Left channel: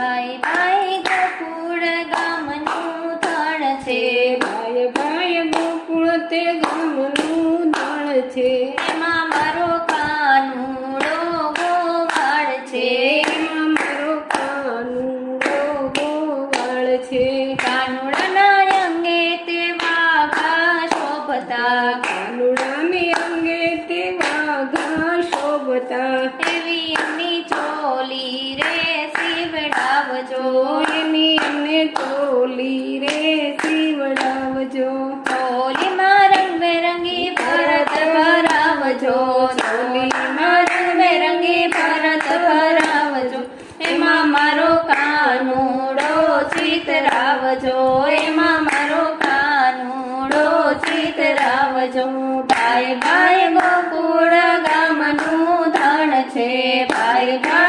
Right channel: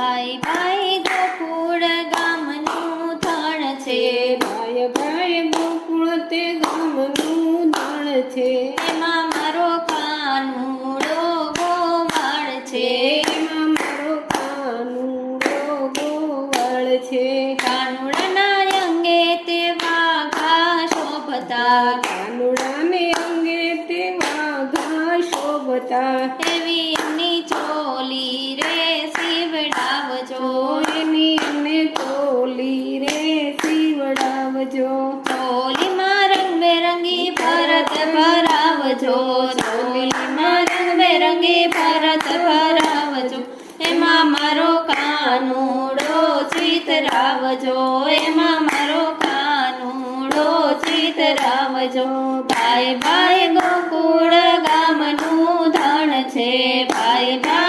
ભાઈ ભાઈ ગોકુળ ગામનું ધણ છે, ભાઈ ભાઈ ગોકુળ તે ગામનું ધણ છે, એમાં મારો કાનુડો ગોવાળ છે, એમાં મારો કાનુડો ગોવાળ છે, કાનુડાના અંગે તે વાઘા શોભતા, કાનુડાને અંગે તે વાઘા શોભતા, એવી એમની ચોલી રે સીવડાવજો, એની અમને ચોલી રે સીવડાવજો, ચોલીમાં રંગબેરંગી ભરત ભરાવજો, ચોલીમાં રંગબેરંગી ભરત ભરાવજો, એમાં મારો કાનુડો ચિતરાવજો, એમાં મારો કાનુડો ચિતરાવજો, ભાઈ ભાઈ ગોકુળ ગામનું ધણ છે, ભાઈ ભાઈ